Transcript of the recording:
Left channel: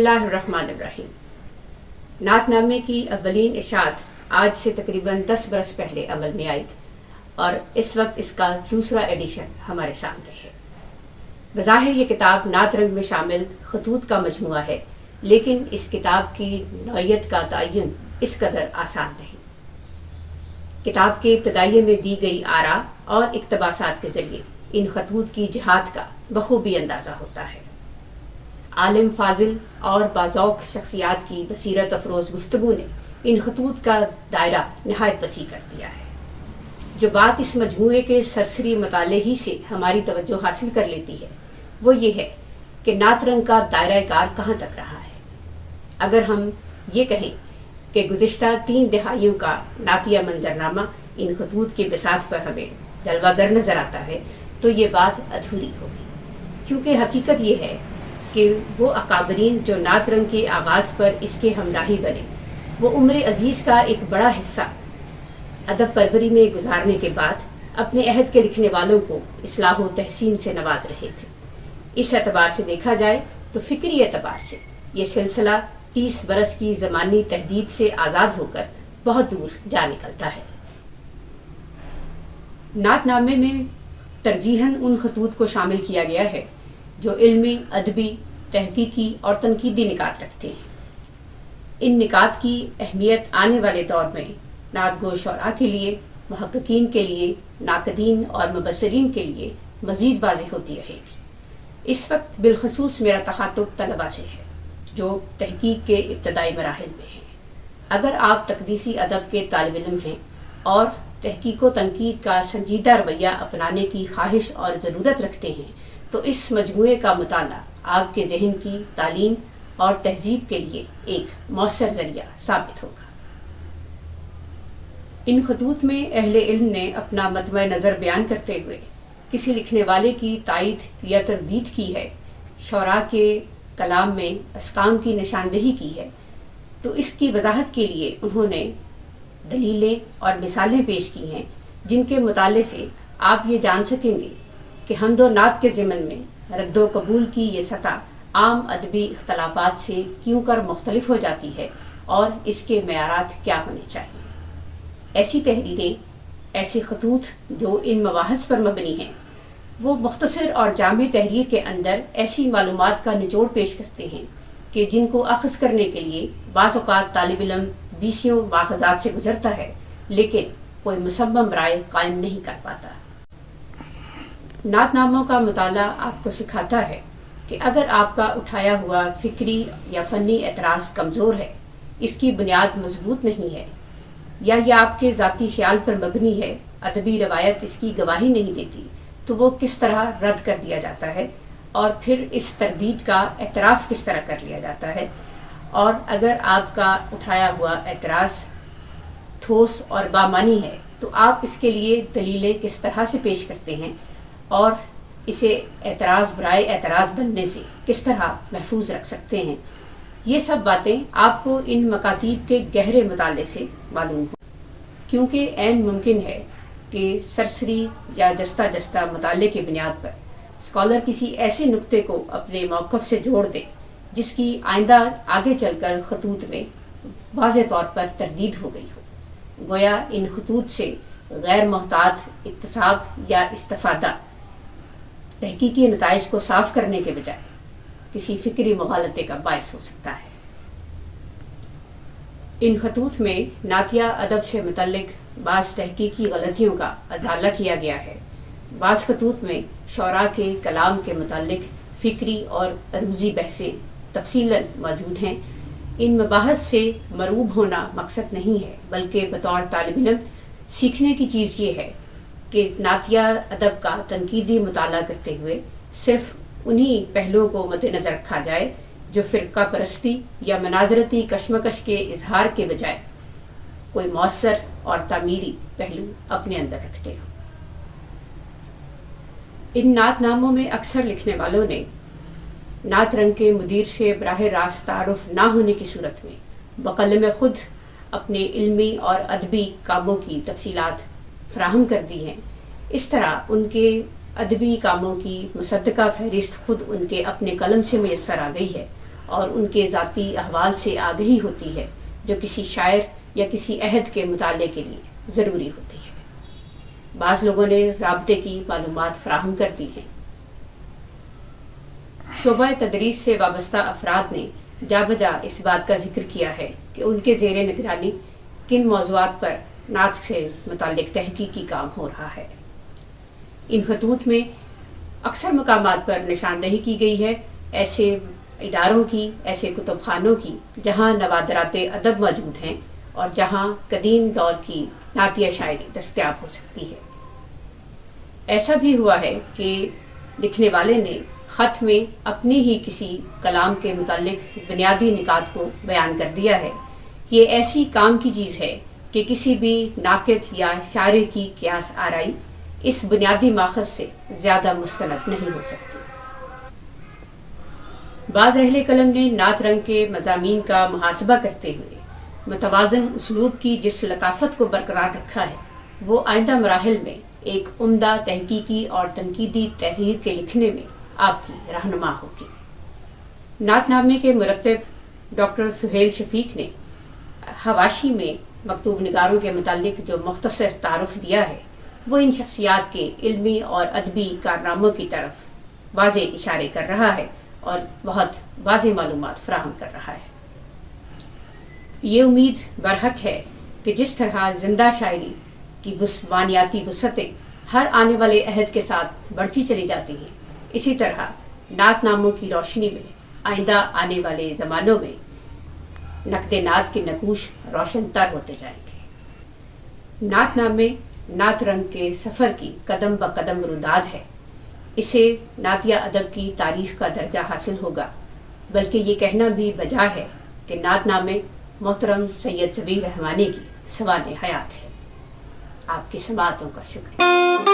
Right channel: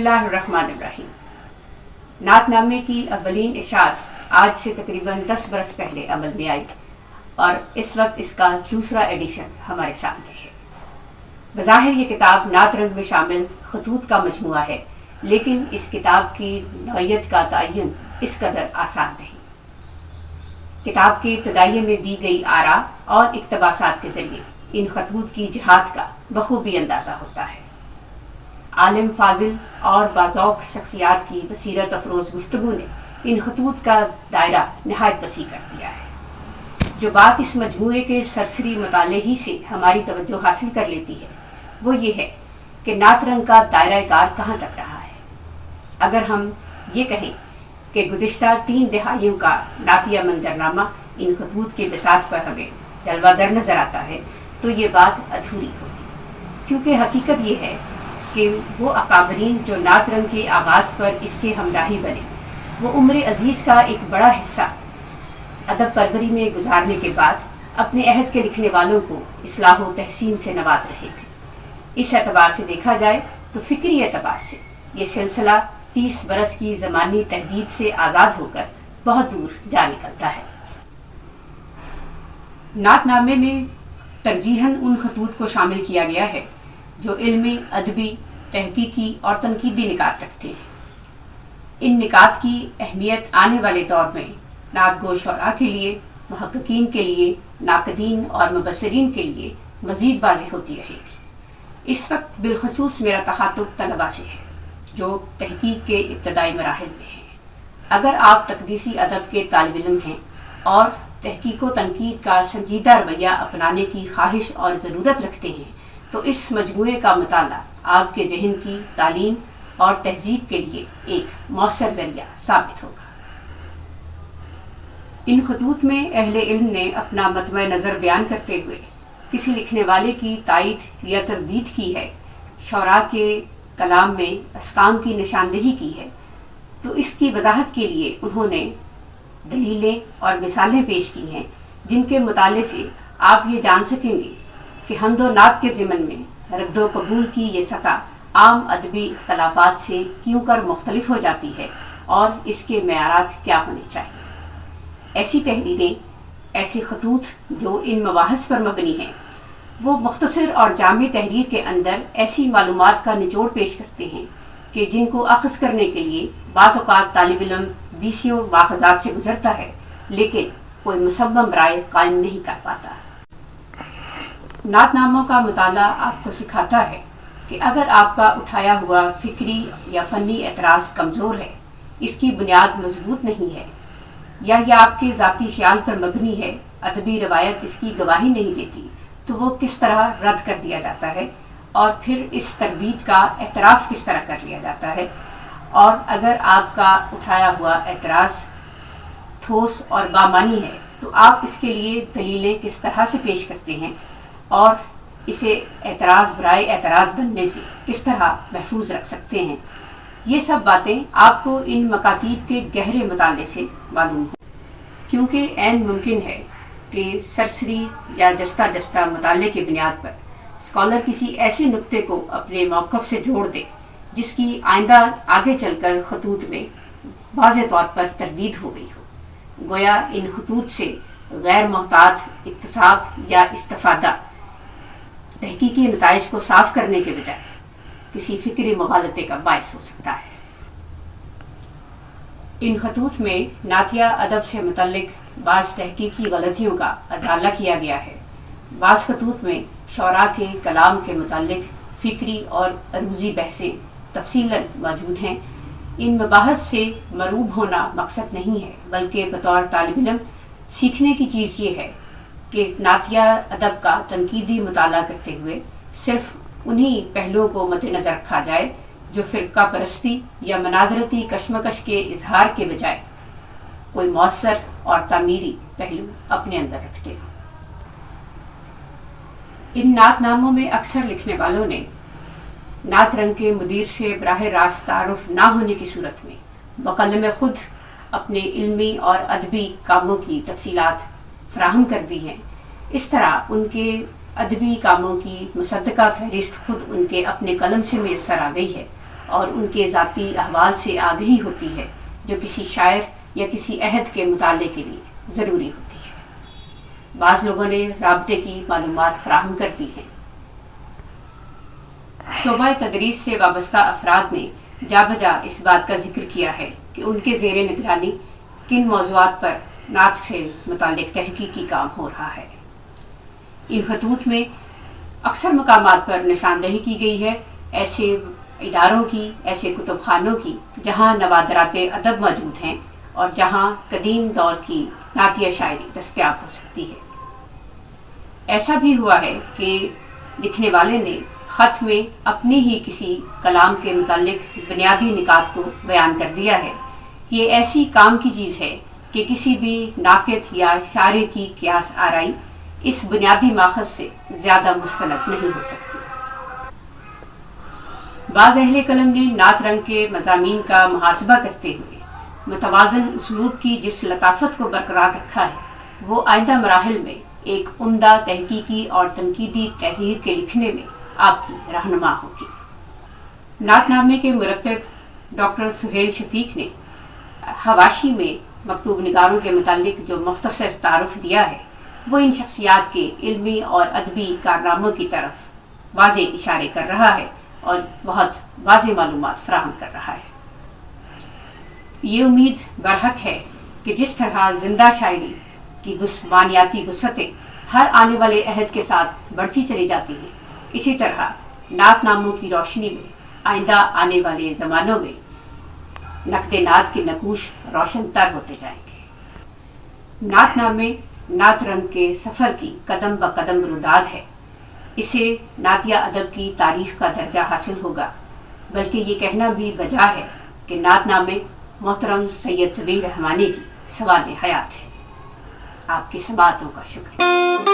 बिस्मिल्लाहिर्रहमानिर्रहीम। नात नामे की अव्वलीन इशात आज से तकरीबन 10 बरस पहले अमल में आई और इस वक्त इसका दूसरा एडिशन हमारे सामने है। बज़ाहिर ये किताब नात रंग में शामिल खतूत का मजमुआ है, लेकिन इस किताब की नौइयत का तयन इस कदर आसान नहीं। किताब के इब्तिदाइये में दी गई आरा और इक्तबासात के जरिए इन खतूत की जिहाद का बखूबी अंदाजा होता है। आलिम फाजिल और बाज़ौक़ शख्सियात की बसीरत अफरोज़ गुफ्तगू ने इन खतूत का दायरा नहायत वसी कर दिया है। जो बात इस मजमूए के सरसरी मुताले ही से हमारी तवज्जो हासिल कर लेती है वो ये है कि नात रंग का दायरा कार कहाँ तक रहा है। अगर हम ये कहें कि गुज़िश्ता 3 दिहाइयों का नातिया मंजरनामा इन खतूत के बिसात पर हमें जलवागर नजर आता है तो ये बात अधूरी होगी, क्योंकि हकीकत ये है कि वो अकाबरीन जो नात रंग के आगाज़ पर इसके हमराही बने वो उम्र अजीज़ का एक बड़ा हिस्सा अदब परवरी में गुजारने के बाद अपने अहद के लिखने वालों को इस्लाह व तहसीन से नवाज रहे थे। इस एतबार से देखा जाए तो फिक्री एतबार से ये सिलसिला 30 बरस की ज़मानी तहदीद से आज़ाद होकर बहुत दूर जा निकलता है। नात नामे में तरजीहन उन खतूत को शामिल किया गया है जो इल्मी, अदबी, तहकीकी और तनकीदी निकात रखते हैं। इन निकात की अहमियत आने वाले दौर में नातगो शोरा के लिए, मुहक्किकीन के लिए, नाकदीन और मुबस्सिरीन के लिए मज़ीद वाज़ेह होती रहेगी। इस वक्त बिलखसूस मेरा तखातुब तलबा से है जो तहकीक के इब्तदाई मराहिल में हैं। अगर आप तकदीसी अदब के तालिब इल्म हैं और तहकीक व तनकीद का संजीदा रवैया अपनाने की ख्वाहिश और ज़रूरत रखते हैं तो इस मजमूए का मुताला आपके ज़हन की तालीम और तहजीब के लिए एक मौसर ज़रिया साबित होगा। इन खतूत में अहले इल्म ने अपना मतबा नज़र बयान करते हुए किसी लिखने वाले की तायीद या तरदीद की है, शौरा के कलाम में अस्काम की निशानदेही की है, तो इसकी वजाहत के लिए उन्होंने दलीलें और मिसालें पेश की हैं जिनके मुताले से आप ये जान सकेंगे कि हम्द व नात के ज़िमन में रद्द व कबूल की ये सतह आम अदबी इख्तलाफात से क्यों कर मुख्तलिफ हो जाती है और इसके मेयारात क्या होने चाहिए। ऐसी तहरीरें, ऐसे खतूत जो इन मवाहस पर मबनी हैं वो मुख्तसर और जामी तहरीर के अंदर ऐसी मालूमात का निचोड़ पेश करते हैं कि जिनको अख़ज़ करने के लिए बाज़ औक़ात तालिब इल्म बीसियों माख़ज़ात से गुजरता है लेकिन कोई मुसम्मम राय कायम नहीं कर पाता। नातनामों का मुताला आपको सिखाता है कि अगर आपका उठाया हुआ फिक्री या फ़नी एतराज़ कमज़ोर है, इसकी बुनियाद मजबूत नहीं है या यह आपके ज़ाती ख्याल पर मबनी है, अदबी रवायत इसकी गवाही नहीं देती, तो वो किस तरह रद्द कर दिया जाता है और फिर इस तरदीद का एतराफ़ किस तरह कर लिया जाता है। और अगर आपका उठाया हुआ एतराज़ ठोस और बामानी है तो आप इसके लिए दलीलें किस तरह से पेश करते हैं और इसे एतराज़ बराए एतराज़ बनने से किस तरह महफूज रख सकते हैं। ये सब बातें आपको इन मकातीब के गहरे मुताले से मालूम हो, क्योंकि ऐन मुमकिन है कि सरसरी या जस्ता जस्ता मुताले की बुनियाद पर स्कॉलर किसी ऐसे नुक्ते को अपने मौक़िफ़ से जोड़ दे जिसकी आइंदा आगे चलकर खतूत में वाज़ेह तौर पर तरदीद हो गई हो। गोया इन खतूत से गैर मोहतात इक्तिसाब या इस्तिफ़ादा तहकीकी नताइज को साफ करने के बजाय किसी फिक्री मुग़ालते का बायस हो सकता है। इन खतूत में नातिया अदब से मुतल्लिक बाज़ तहकीकी गलतियों का अज़ाला किया गया है। बाज़ खतूत में शौरा के कलाम के मुतल्लिक फिक्री और अरूज़ी बहसें तफसीलन मौजूद हैं। इन मबाहस से मरूब होना मकसद नहीं है, बल्कि बतौर तालिब इल्म सीखने की चीज़ ये है कि नातिया अदब का तनकीदी मुताला करते हुए सिर्फ उन्हीं पहलुओं को मद्देनज़र रखा जाए जो फ़िरका परस्ती या मनाज़रती कशमकश के इजहार के बजाय कोई मौसर और तामीरी पहलू अपने अंदर रखते हो। इन नातनामों में अक्सर लिखने वालों ने नात रंग के मुदीर से बराह रास्त तारुफ ना होने की सूरत में बक़लम खुद अपने इल्मी और अदबी कामों की तफसीलात फराहम कर दी हैं। इस तरह उनके अदबी कामों की मुसद्दका फहरिस्त खुद उनके अपने कलम से मैसर आ गई है اور ان کے ذاتی احوال سے آگہی ہوتی ہے جو کسی شاعر یا کسی عہد کے مطالعے کے لیے ضروری ہوتی ہے۔ بعض لوگوں نے رابطے کی معلومات فراہم کر دی ہیں۔ شعبہ تدریس سے وابستہ افراد نے جا بجا اس بات کا ذکر کیا ہے کہ ان کے زیر نگرانی کن موضوعات پر نعت سے متعلق تحقیقی کام ہو رہا ہے۔ ان خطوط میں اکثر مقامات پر نشاندہی کی گئی ہے ایسے اداروں کی، ایسے کتب خانوں کی جہاں نوادرات ادب موجود ہیں اور جہاں قدیم دور کی نعتیہ شاعری دستیاب ہو سکتی ہے۔ ایسا بھی ہوا ہے کہ لکھنے والے نے خط میں اپنی ہی کسی کلام کے متعلق بنیادی نکات کو بیان کر دیا ہے کہ یہ ایسی کام کی چیز ہے کہ کسی بھی ناقد یا شاعر کی قیاس آرائی اس بنیادی ماخذ سے زیادہ مستند نہیں ہو سکتی۔ بعض اہل قلم نے نعت رنگ کے مضامین کا محاسبہ کرتے ہوئے متوازن اسلوب کی جس لطافت کو برقرار رکھا ہے وہ آئندہ مراحل میں ایک عمدہ تحقیقی اور تنقیدی تحریر کے لکھنے میں آپ کی رہنما ہوگی۔ نعت نامے کے مرتب ڈاکٹر سہیل شفیق نے حواشی میں مکتوب نگاروں کے متعلق جو مختصر تعارف دیا ہے وہ ان شخصیات کے علمی اور ادبی کارناموں کی طرف واضح اشارے کر رہا ہے اور بہت واضح معلومات فراہم کر رہا ہے۔ یہ امید برحق ہے کہ جس طرح زندہ شاعری کی معنیاتی وسعتیں ہر آنے والے عہد کے ساتھ بڑھتی چلی جاتی ہیں، اسی طرح نعت ناموں کی روشنی میں آئندہ آنے والے زمانوں میں نقد نعت کے نقوش روشن تر ہوتے جائیں گے۔ نعت نامے نعت رنگ کے سفر کی قدم بقدم روداد ہے۔ اسے نعتیہ ادب کی تاریخ کا درجہ حاصل ہوگا، بلکہ یہ کہنا بھی بجا ہے کہ نعت نامے محترم سید ضبیر رحمانی کی سوانح حیات ہے۔ آپ کی سماعتوں کا شکریہ۔